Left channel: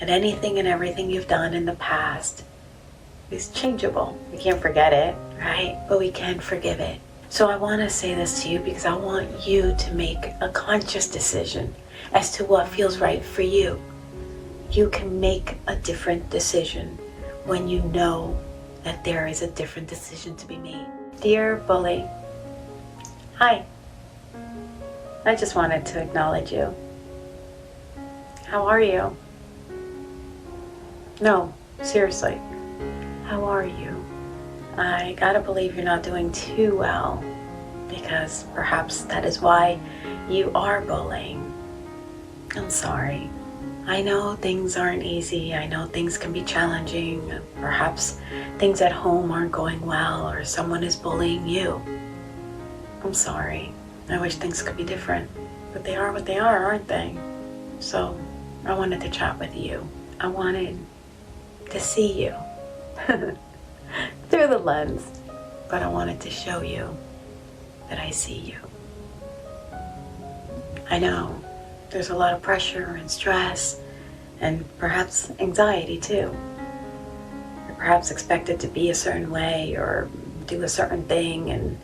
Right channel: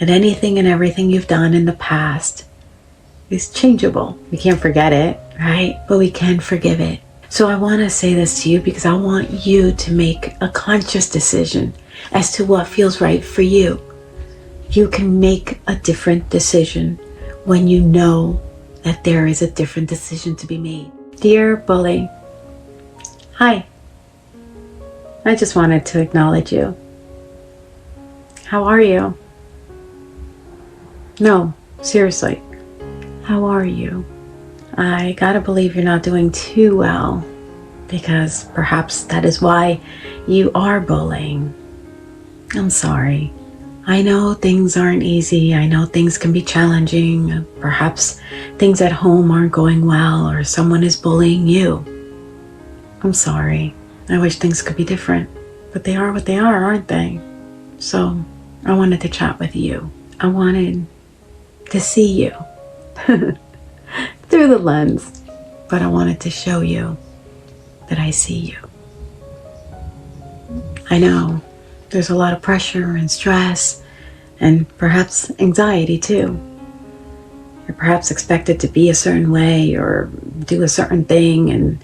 And anything and everything you've done in the past is changeable. We can't forget it, right? But we can forgive it. So I want to say this to you because I want you to make a conscious decision as to what feels right for you. You can make a different decision when you know that there is a different decision to be made. Dear bully, hi. I just wanted to acknowledge you. How are you? No, seriously, how are you? I gotta believe you're not doing too well, because perhaps that is why you are bullying. I'm sorry. I know things aren't easy. I know things can be challenging. Perhaps things at home aren't going well, or someone is bullying you. I'm sorry. I wish things could be different, but they are what they are, aren't they? So I wanted to chat with you. I wanted to see you through the lens, but I wanted to show you that I see you. I know there's a lot of pressure and stress and perhaps anxiety too. You're perhaps expected to be a certain way or do a certain thing, and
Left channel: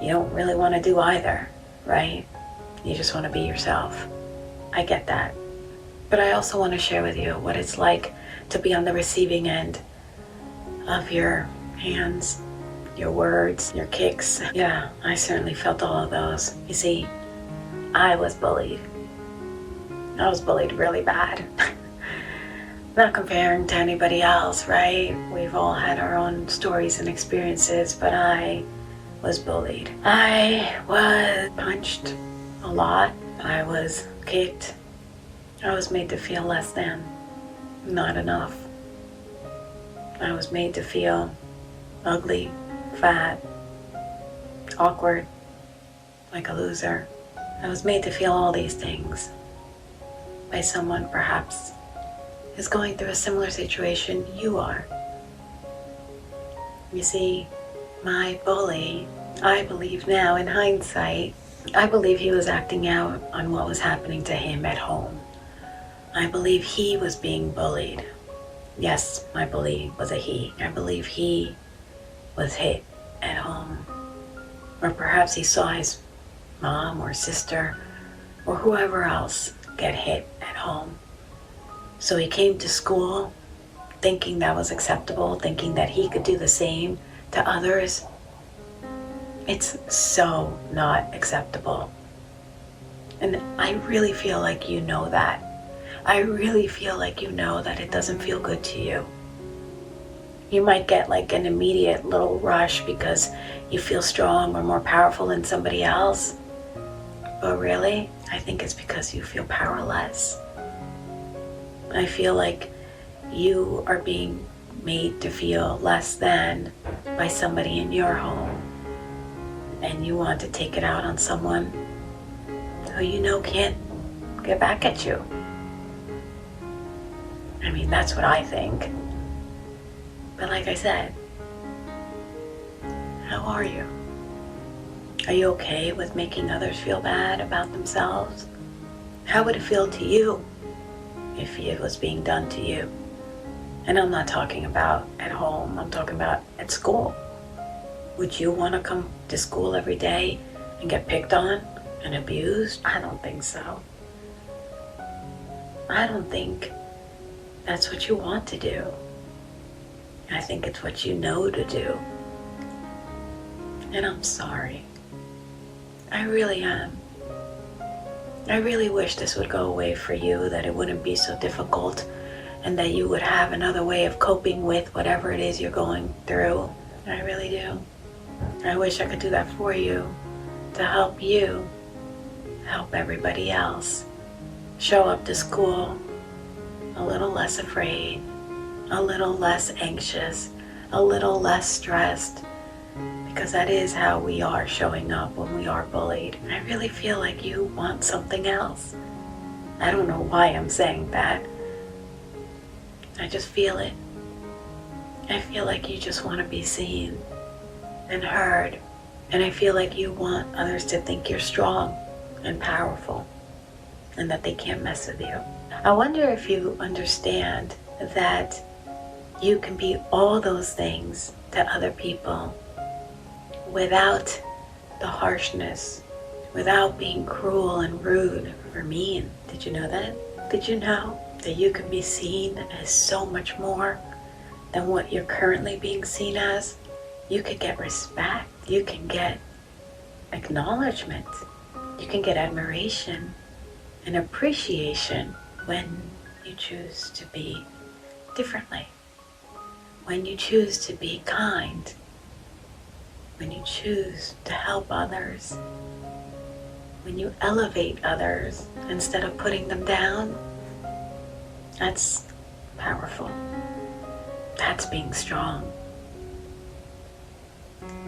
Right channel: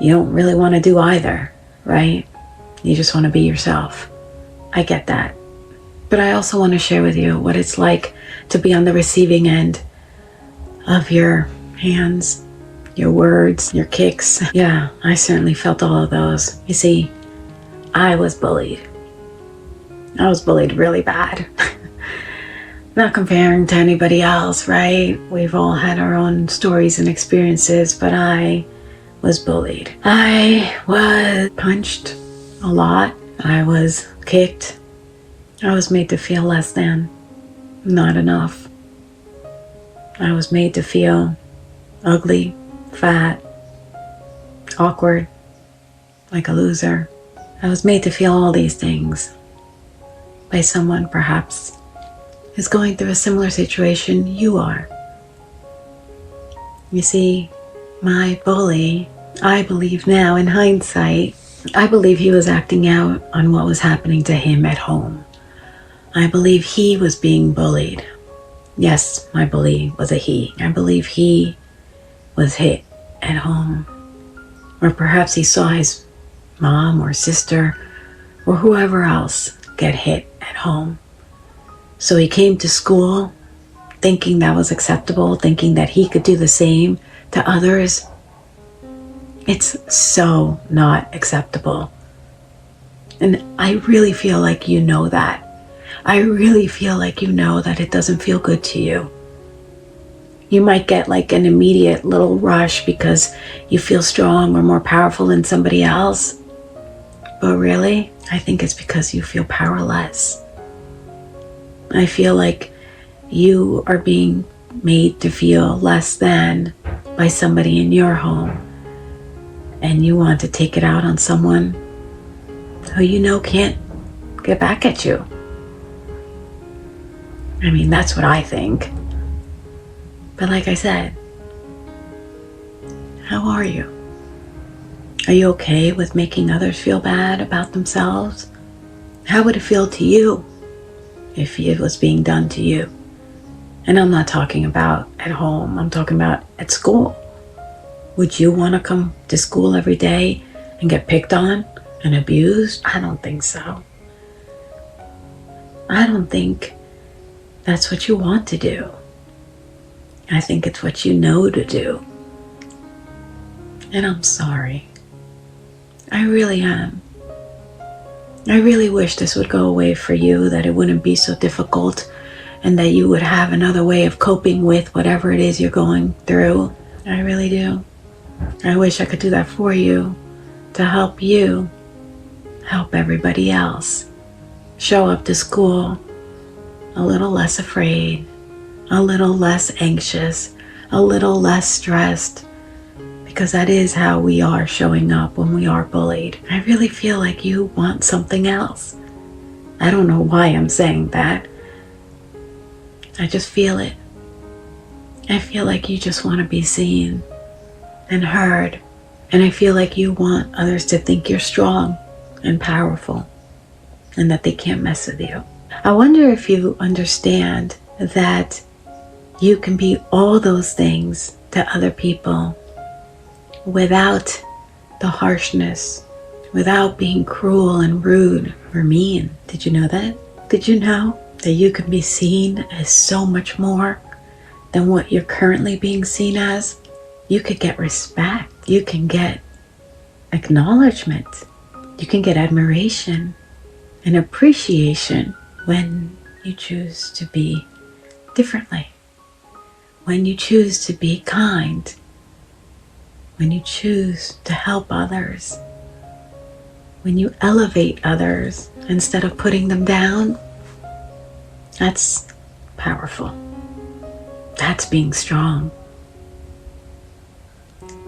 you don't really want to do either, right? You just want to be yourself. I get that. But I also want to share with you what it's like to be on the receiving end of your hands, your words, your kicks. Yeah, I certainly felt all of those. You see, I was bullied. I was bullied really bad. Not comparing to anybody else, right? We've all had our own stories and experiences, but I was bullied. I was punched a lot. I was kicked. I was made to feel less than, not enough. I was made to feel ugly, fat, awkward, like a loser. I was made to feel all these things by someone perhaps who's going through a similar situation you are. You see, my bully, I believe now in hindsight, I believe he was acting out on what was happening to him at home. I believe he was being bullied. Yes, my bully was a he. I believe he was hit at home. Or perhaps he saw his mom or sister or whoever else get hit at home. So he came to school thinking that was acceptable, thinking that he could do the same to others. It's so not acceptable. And I really feel like you know that. I really feel like you know that it doesn't feel good to you. You might get like an immediate little rush because you feel strong or more powerful than somebody else. But really, I think it's because you feel powerless. I feel like you are being made to feel less than by somebody in your home. And you want to take it out on someone who you know can't get back at you. I mean, that's what I think. But like I said, how are you? Are you okay with making others feel bad about themselves? How would it feel to you if it was being done to you? And I'm not talking about at home, I'm talking about at school. Would you want to come to school every day and get picked on and abused? I don't think so. I don't think that's what you want to do. I think it's what you know to do. And I'm sorry. I really am. I really wish this would go away for you, that it wouldn't be so difficult, and that you would have another way of coping with whatever it is you're going through. I really do. I wish I could do that for you, to help you, help everybody else. Show up to school a little less afraid, a little less anxious, a little less stressed, because that is how we are showing up when we are bullied. I really feel like you want something else. I don't know why I'm saying that. I just feel it. I feel like you just want to be seen and heard. And I feel like you want others to think you're strong and powerful and that they can't mess with you. I wonder if you understand that you can be all those things to other people without the harshness, without being cruel and rude or mean. Did you know that? Did you know that you can be seen as so much more than what you're currently being seen as? You could get respect. You can get acknowledgement. You can get admiration and appreciation when you choose to be differently. When you choose to be kind. When you choose to help others. When you elevate others instead of putting them down. That's powerful. That's being strong.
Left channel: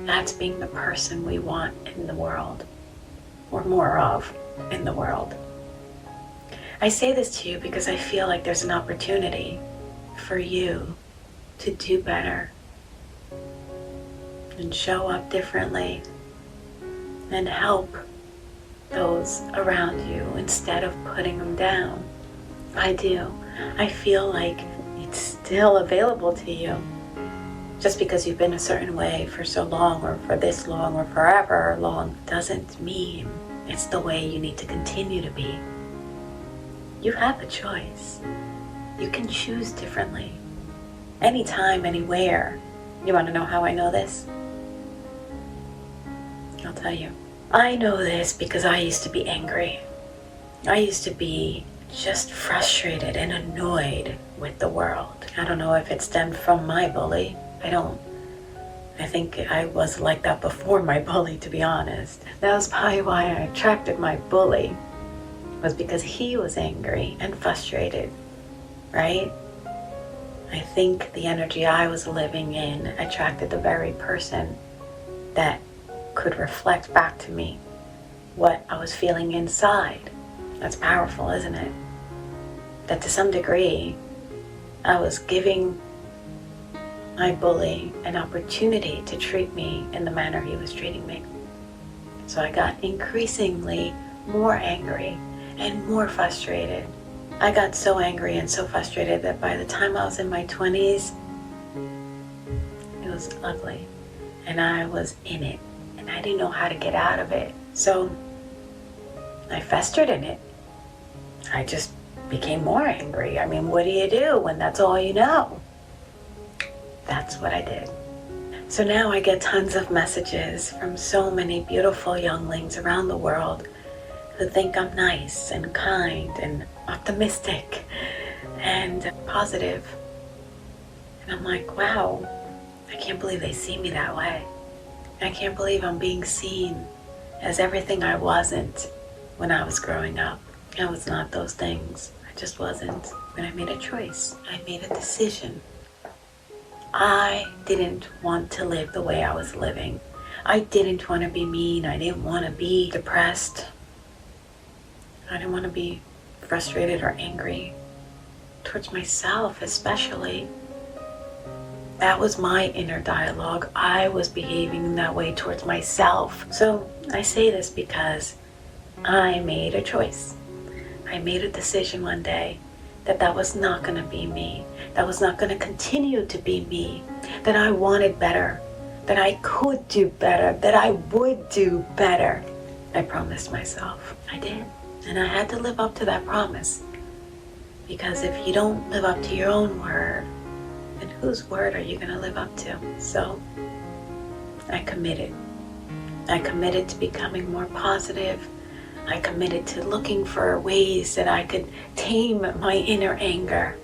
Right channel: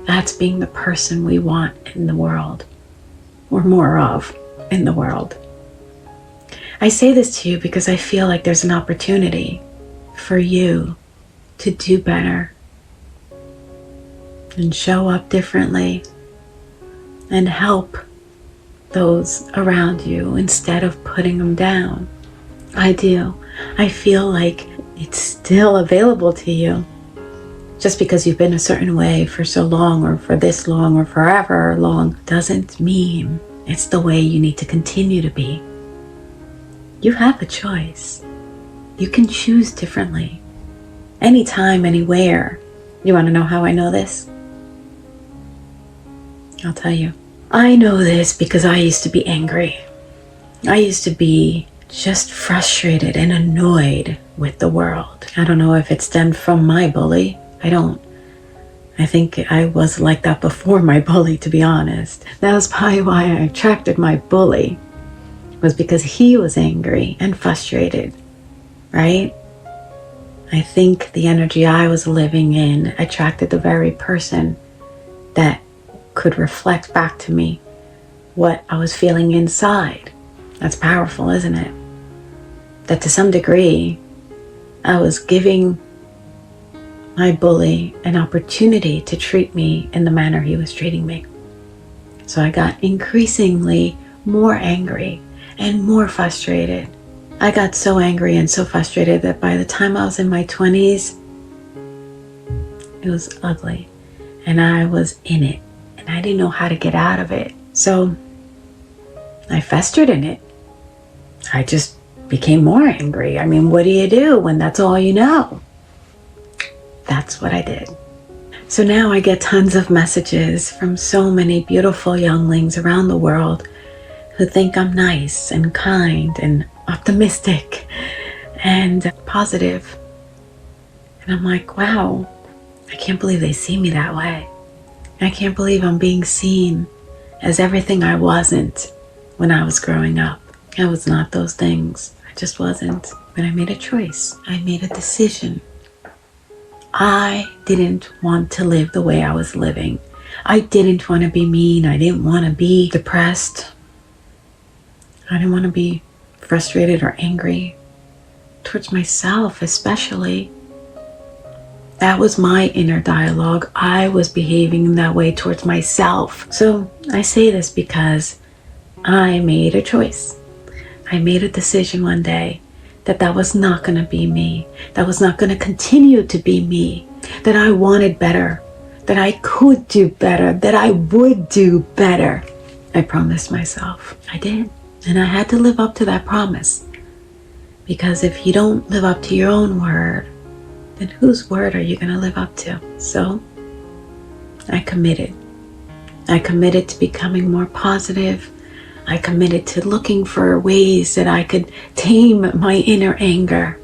That's being the person we want in the world, or more of in the world. I say this to you because I feel like there's an opportunity for you to do better and show up differently and help those around you instead of putting them down. I do. I feel like it's still available to you. Just because you've been a certain way for so long or for this long or forever long doesn't mean it's the way you need to continue to be. You have a choice. You can choose differently. Anytime, anywhere. You want to know how I know this? I'll tell you. I know this because I used to be angry. I used to be just frustrated and annoyed with the world. I don't know if it stemmed from my bully. I think I was like that before my bully, to be honest. That was probably why I attracted my bully, was because he was angry and frustrated, right? I think the energy I was living in attracted the very person that could reflect back to me what I was feeling inside. That's powerful, isn't it? That to some degree, I was giving my bully an opportunity to treat me in the manner he was treating me. So I got increasingly more angry and more frustrated. I got so angry and so frustrated that by the time I was in my 20s, it was ugly. And I was in it. And I didn't know how to get out of it. So I festered in it. I just became more angry. I mean, what do you do when that's all you know? That's what I did. So now I get tons of messages from so many beautiful younglings around the world who think I'm nice and kind and optimistic and positive. And I'm like, wow, I can't believe they see me that way. I can't believe I'm being seen as everything I wasn't when I was growing up. I was not those things. I just wasn't. But I made a choice. I made a decision. I didn't want to live the way I was living. I didn't want to be mean. I didn't want to be depressed. I didn't want to be frustrated or angry towards myself, especially. That was my inner dialogue. I was behaving that way towards myself. So I say this because I made a choice. I made a decision one day that was not going to be me. That was not going to continue to be me. That I wanted better. That I could do better. That I would do better. I promised myself. I did. And I had to live up to that promise. Because if you don't live up to your own word, then whose word are you going to live up to? So I committed. I committed to becoming more positive. I committed to looking for ways that I could tame my inner anger.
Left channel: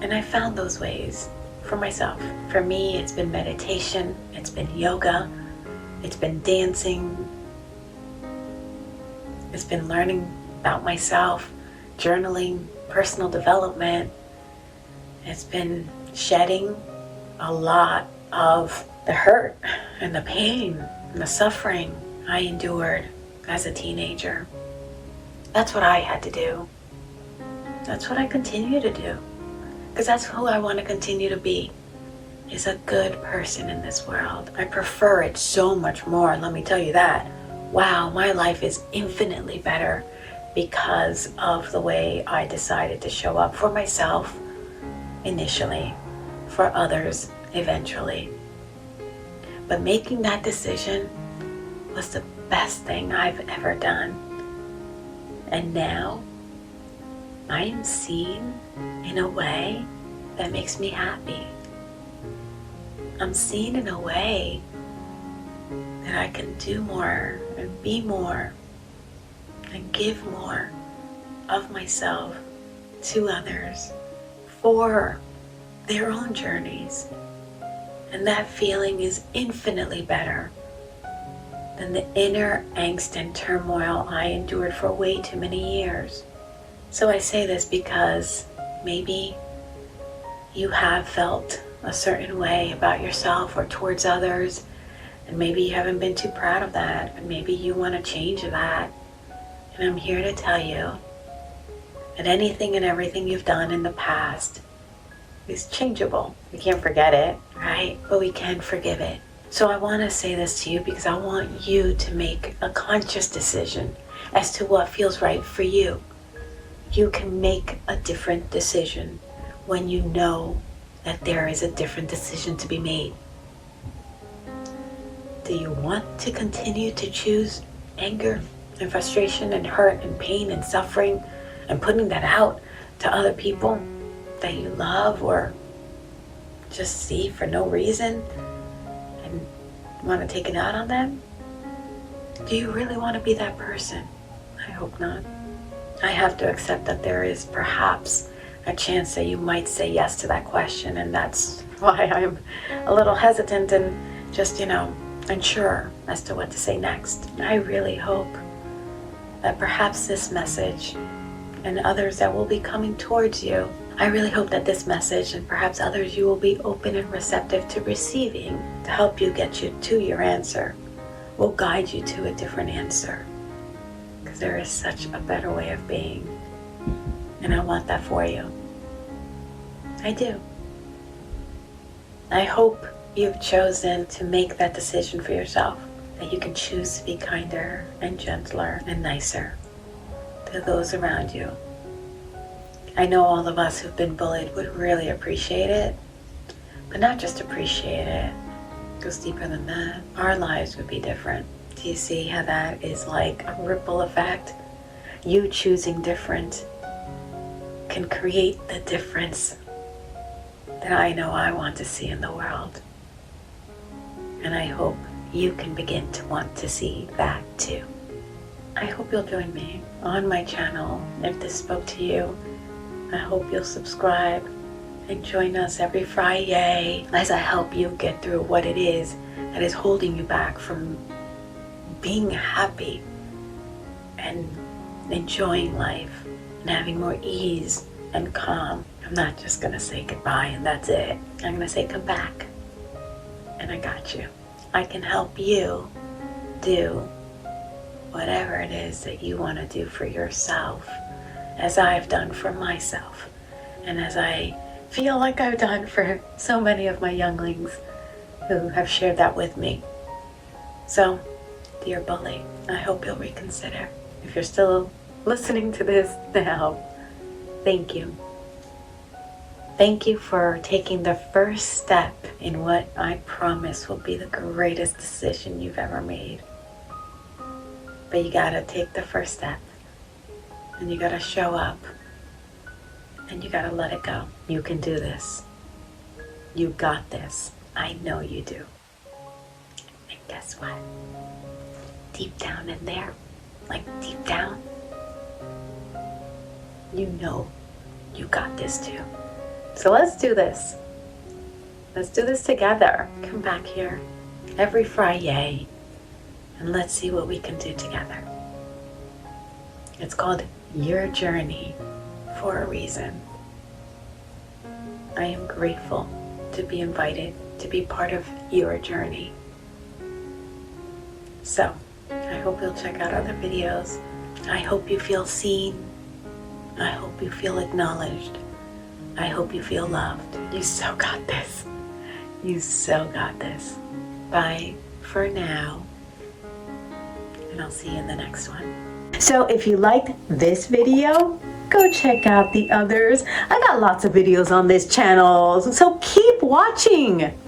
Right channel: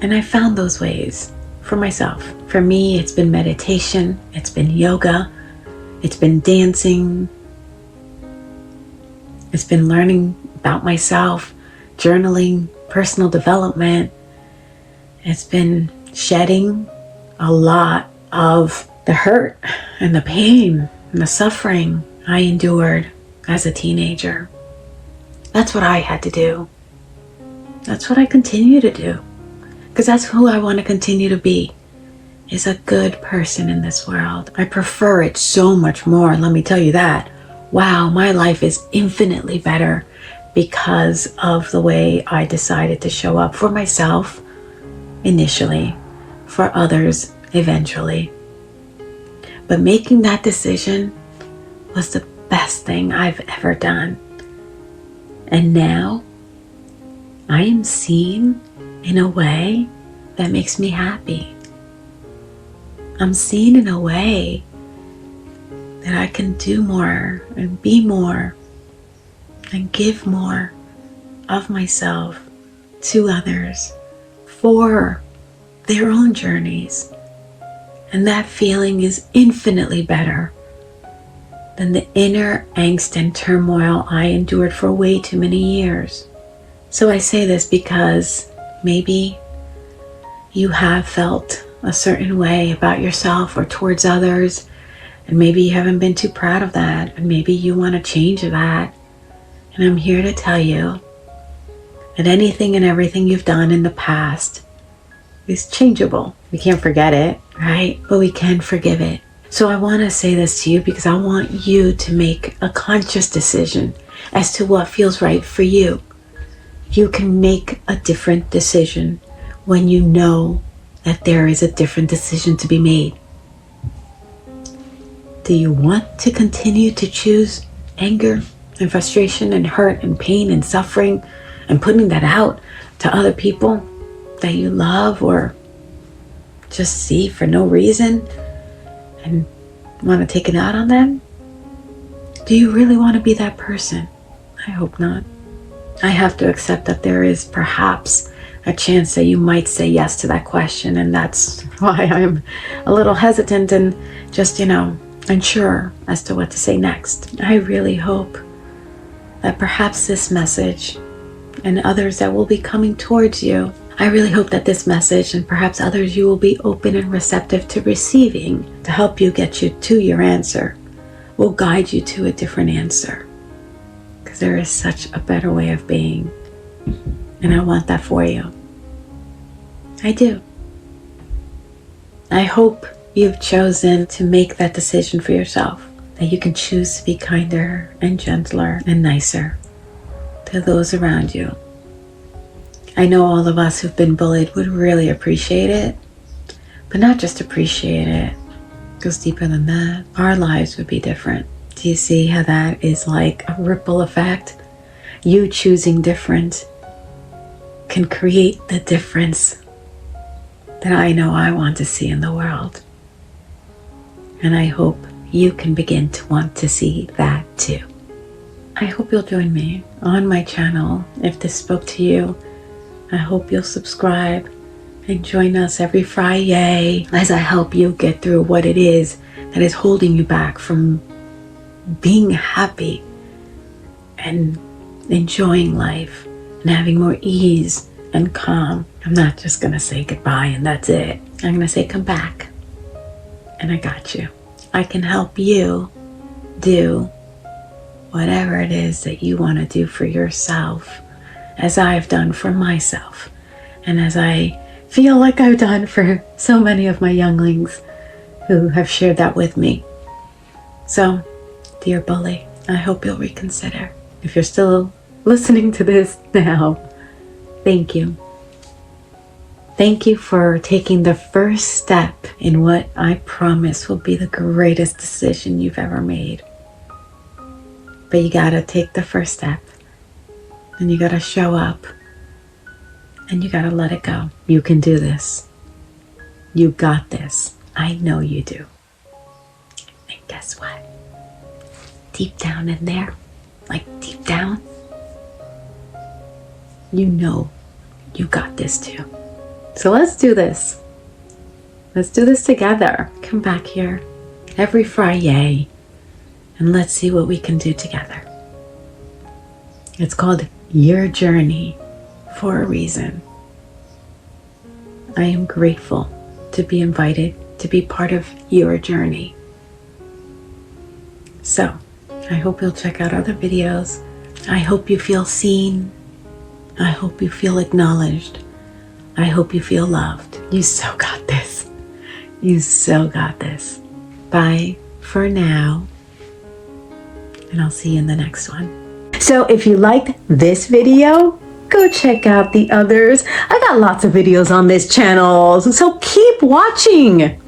And I found those ways for myself. For me, it's been meditation. It's been yoga. It's been dancing. It's been learning about myself, journaling, personal development. It's been shedding a lot of the hurt and the pain and the suffering I endured as a teenager. That's what I had to do. That's what I continue to do. Because that's who I want to continue to be, is a good person in this world. I prefer it so much more, let me tell you that. Wow, my life is infinitely better because of the way I decided to show up for myself initially, for others eventually. But making that decision was the best thing I've ever done. And now I am seen in a way that makes me happy. I'm seen in a way that I can do more and be more and give more of myself to others for their own journeys. And that feeling is infinitely better than the inner angst and turmoil I endured for way too many years. So I say this because maybe you have felt a certain way about yourself or towards others, and maybe you haven't been too proud of that, and maybe you want to change that. And I'm here to tell you that anything and everything you've done in the past is changeable. We can't forget it, right? But we can forgive it. So I want to say this to you because I want you to make a conscious decision as to what feels right for you. You can make a different decision when you know that there is a different decision to be made. Do you want to continue to choose anger and frustration and hurt and pain and suffering and putting that out to other people that you love or just see for no reason and want to take it out on them? Do you really want to be that person? I hope not. I have to accept that there is perhaps a chance that you might say yes to that question, and that's why I'm a little hesitant and just, unsure as to what to say next. I really hope that perhaps this message and others that will be coming towards you, I really hope that this message and perhaps others you will be open and receptive to receiving to help you get you to your answer, will guide you to a different answer. Because there is such a better way of being. And I want that for you. I do. I hope you've chosen to make that decision for yourself, that you can choose to be kinder and gentler and nicer to those around you. I know all of us who've been bullied would really appreciate it, but not just appreciate it. It goes deeper than that. Our lives would be different. Do you see how that is like a ripple effect? You choosing different can create the difference that I know I want to see in the world. And I hope you can begin to want to see that too. I hope you'll join me on my channel. If this spoke to you, I hope you'll subscribe and join us every Friday as I help you get through what it is that is holding you back from being happy and enjoying life and having more ease and calm. I'm not just gonna say goodbye and that's it. I'm gonna say come back, and I got you. I can help you do whatever it is that you want to do for yourself, as I've done for myself, and as I feel like I've done for so many of my younglings who have shared that with me. So, dear bully, I hope you'll reconsider. If you're still listening to this now, thank you. Thank you for taking the first step in what I promise will be the greatest decision you've ever made. But you gotta take the first step, and you gotta show up, and you gotta let it go. You can do this. You got this. I know you do. And guess what? Deep down in there, like deep down, you know you got this too. So let's do this. Let's do this together. Come back here every Friday and let's see what we can do together. It's called Your Journey for a reason. I am grateful to be invited to be part of your journey. So, I hope you'll check out other videos. I hope you feel seen. I hope you feel acknowledged. I hope you feel loved. You so got this. You so got this. Bye for now. And I'll see you in the next one. So if you liked this video, go check out the others. I got lots of videos on this channel, so keep watching.